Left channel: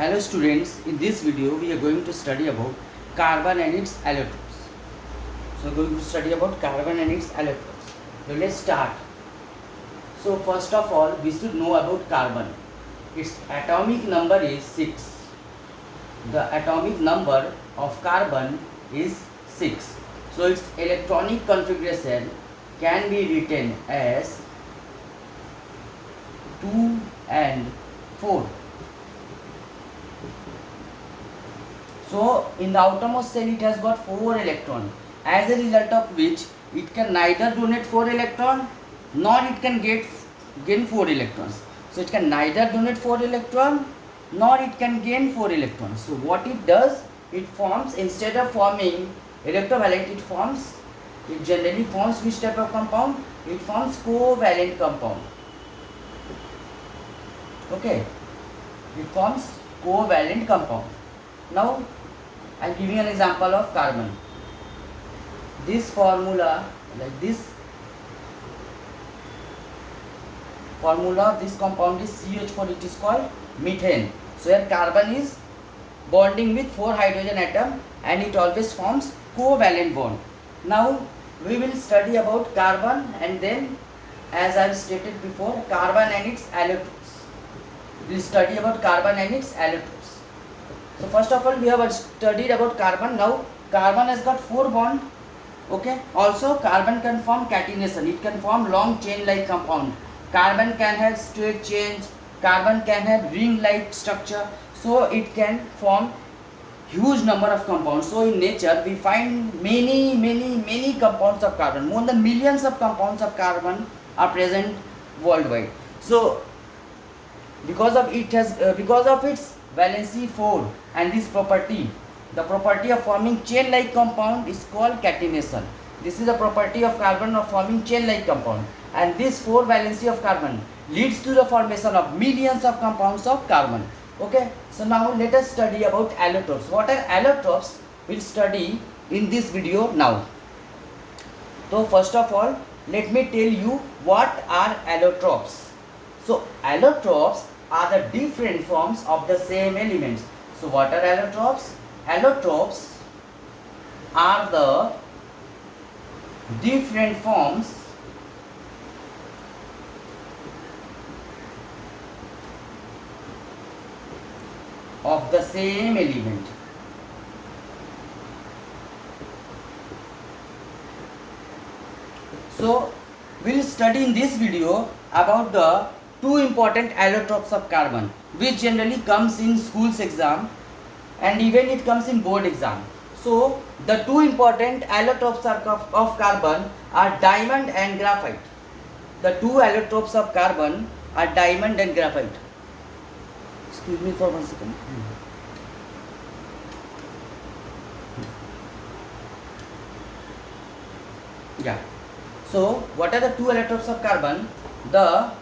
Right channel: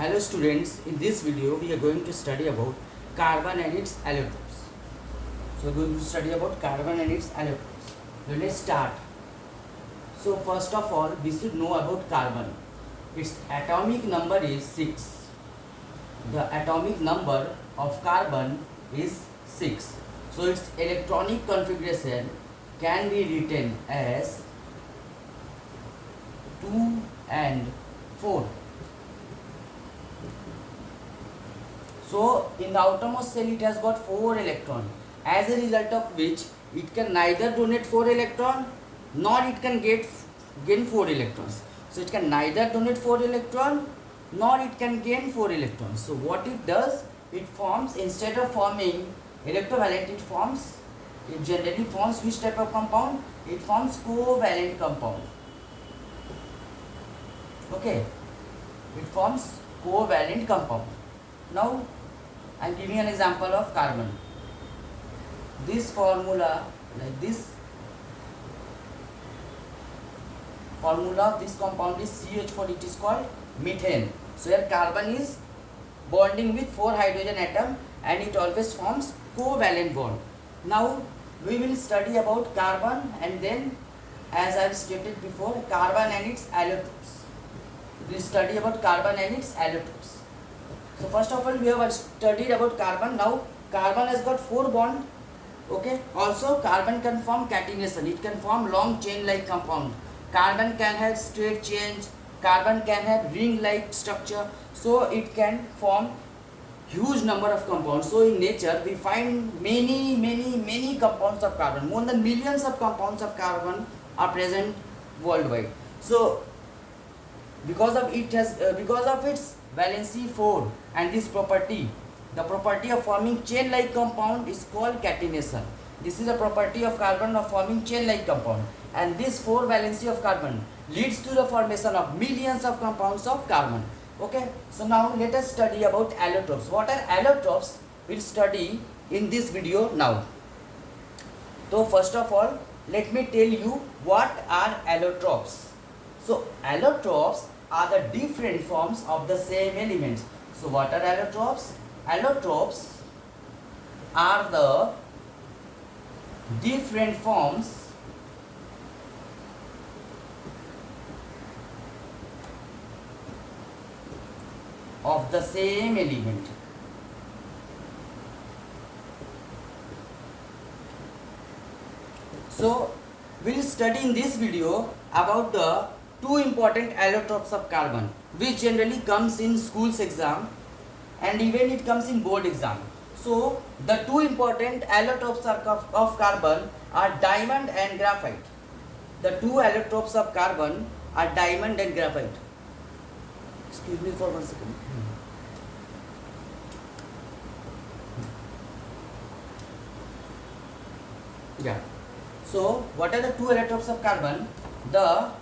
Hello students, in this video we are going to study about carbon and its allotropes. So we are going to study about carbon and its allotropes. So let's start. So first of all we should know about carbon. Its atomic number is 6. The atomic number of carbon is 6. So its electronic configuration can be written as 2 and 4. So in the outermost shell it has got 4 electrons, as a result of which it can neither donate 4 electrons nor it can gain 4 electrons. So it can neither donate 4 electrons nor it can gain 4 electrons. So what it does, it forms, instead of forming electrovalent, it generally forms which type of compound? It forms covalent compound. Okay, it forms covalent compound. Now I am giving an example of carbon. This formula, like this formula of this compound is CH4, it is called methane. So here carbon is bonding with 4 hydrogen atom and it always forms covalent bond. Now we will study about carbon and then, as I have stated before, carbon and its allotropes. We will study about carbon and its allotropes. So first of all we have studied about carbon. Now carbon has got 4 bonds. Okay. Also carbon can form catenation. It can form long chain like compound. Carbon can have straight chains. Carbon can have ring like structure. So it can form huge number of compounds. So in nature we find many compounds of carbon. More than millions of compounds of carbon are present worldwide. So because of its valency 4 and this property, the property of forming chain like compound is called catenation. This is the property of carbon of forming chain like compound, and this 4 valency of carbon leads to the formation of millions of compounds of carbon. Okay, so now let us study about allotropes. What are allotropes? We'll study in this video now. So first of all let me tell you what are allotropes. So allotropes are the different forms of the same elements. So what are allotropes? Allotropes are the different forms of the same element. So we will study in this video about the 2 important allotropes of carbon, which generally comes in schools exam and even it comes in board exam. So the 2 important allotropes of carbon are diamond and graphite. The 2 allotropes of carbon are diamond and graphite. Excuse me for 1 second. Yeah. So what are the 2 allotropes of carbon? The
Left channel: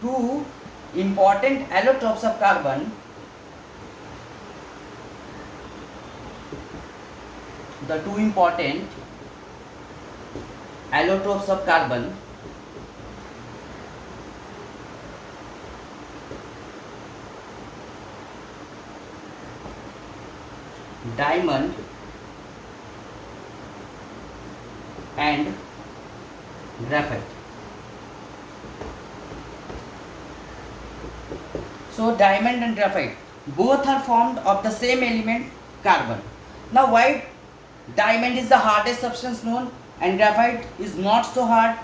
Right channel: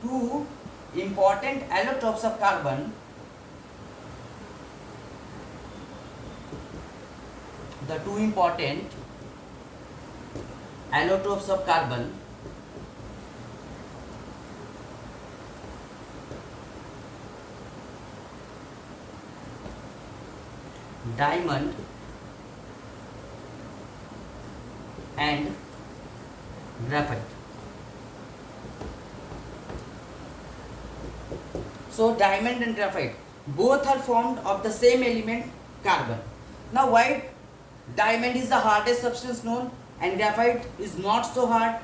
2 important allotropes of carbon, diamond and graphite. So diamond and graphite both are formed of the same element, carbon. Now why diamond is the hardest substance known and graphite is not so hard?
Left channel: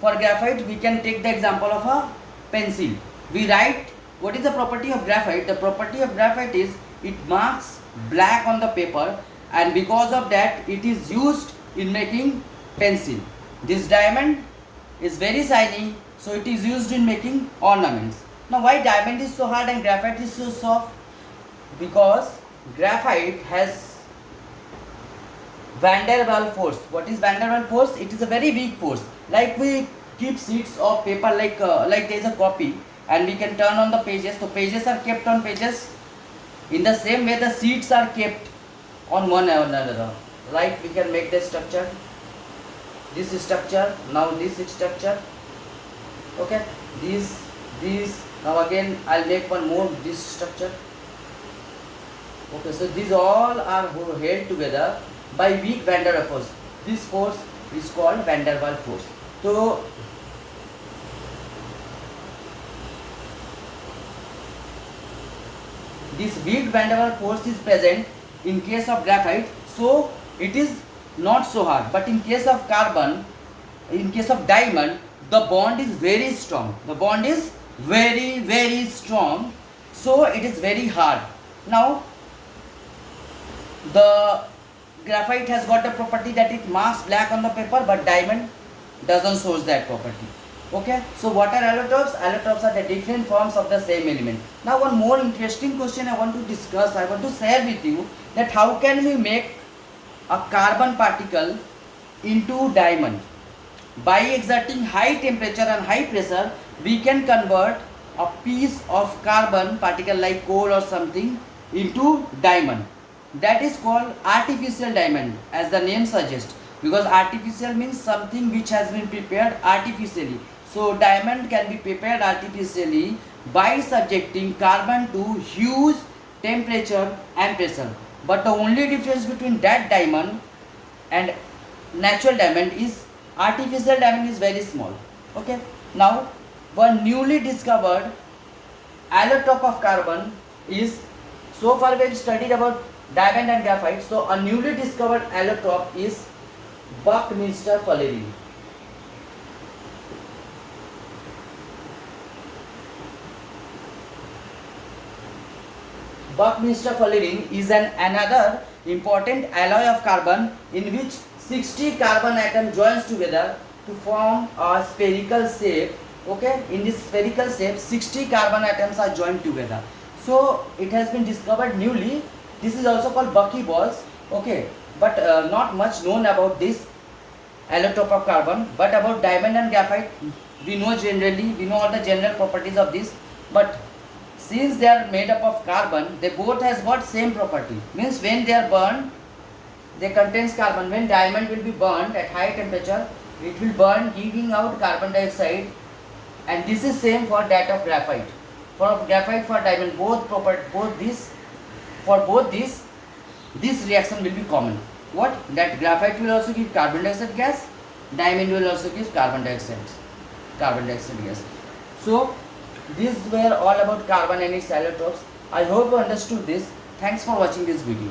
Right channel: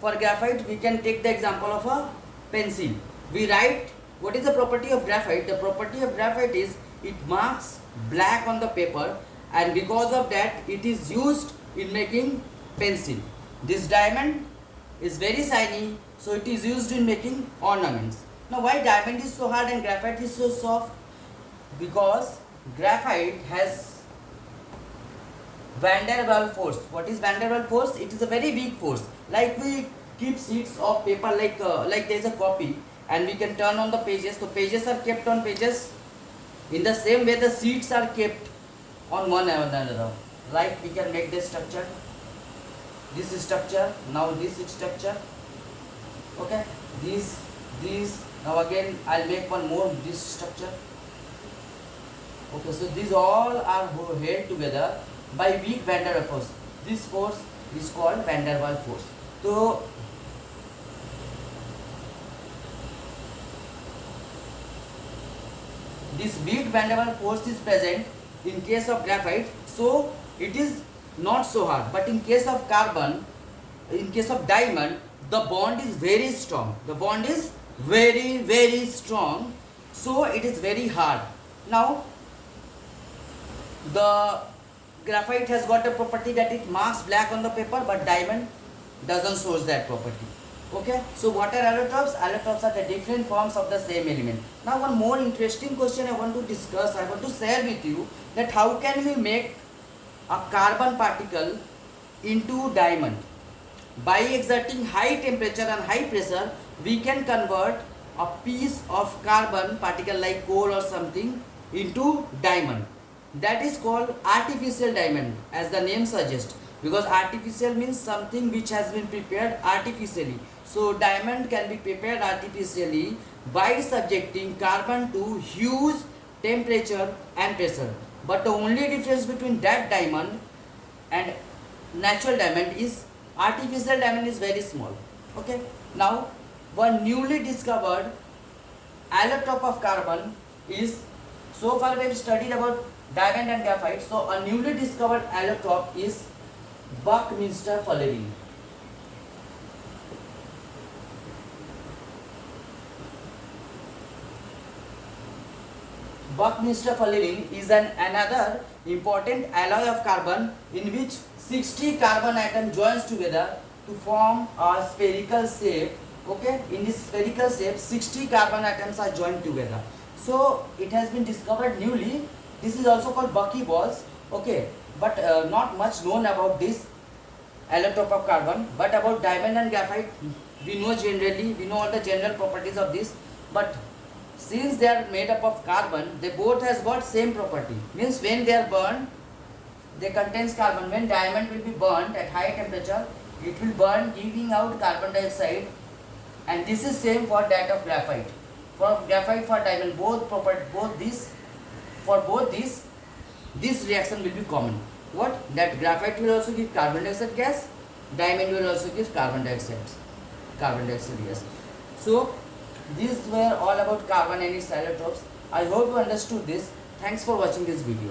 For graphite we can take the example of a pencil. We write, what is the property of graphite? The property of graphite is it marks black on the paper, and because of that it is used in making pencil. This diamond is very shiny, so it is used in making ornaments. Now why diamond is so hard and graphite is so soft? Because graphite has van der Waals force. What is van der Waals force? It is a very weak force. Like we keep sheets of paper like there is a copy and we can turn on the pages. So pages are kept on pages. In the same way the sheets are kept on one another. Like we can make the structure. This structure, now this structure. Okay, this, now again I'll make one more this structure. Okay, so these all are held together by weak van der Waals force. This force is called van der Waals force. So this weak van der Waals force is present in case of graphite, so it is not so hard. But in case of carbon, in case of diamond, the bond is very strong. The bond is very strong, so it is very hard. Now the graphite has got a property that it marks black on the paper, but diamond doesn't show that property. Okay, so what are allotropes? Allotropes are the different forms of the same element. Now one more interesting question I want to discuss, I want to share with you, that how can we make a carbon particle into diamond? By exerting high temperature and high pressure, we can convert a piece of carbon particle like coal or something into diamond. That is called artificial diamond, as the name suggests, because artificial means something which has been prepared artificially. So diamond can be prepared artificially by subjecting carbon to huge temperature and pressure. But the only difference between that diamond and natural diamond is artificial diamond is very small. Okay, now one newly discovered allotrope of carbon is, so far we have studied about diamond and graphite, so a newly discovered allotrope is Buckminster fullerene. Buckminster fullerene is another important alloy of carbon in which 60 carbon atoms joins together to form a spherical shape. Okay, in this spherical shape 60 carbon atoms are joined together. So it has been discovered newly. This is also called buckyballs. Okay, but not much known about this allotrope of carbon. But about diamond and graphite we know generally, we know all the general properties of this, but since they are made up of carbon, they both has got same property. Means when they are burned, they contains carbon. When diamond will be burned at high temperature, it will burn giving out carbon dioxide, and this is same for that of graphite. For graphite, for diamond, this reaction will be common. What? That graphite will also give carbon dioxide gas, diamond will also give carbon dioxide gas. So these were all about carbon and its allotropes. I hope you understood this. Thanks for watching this video.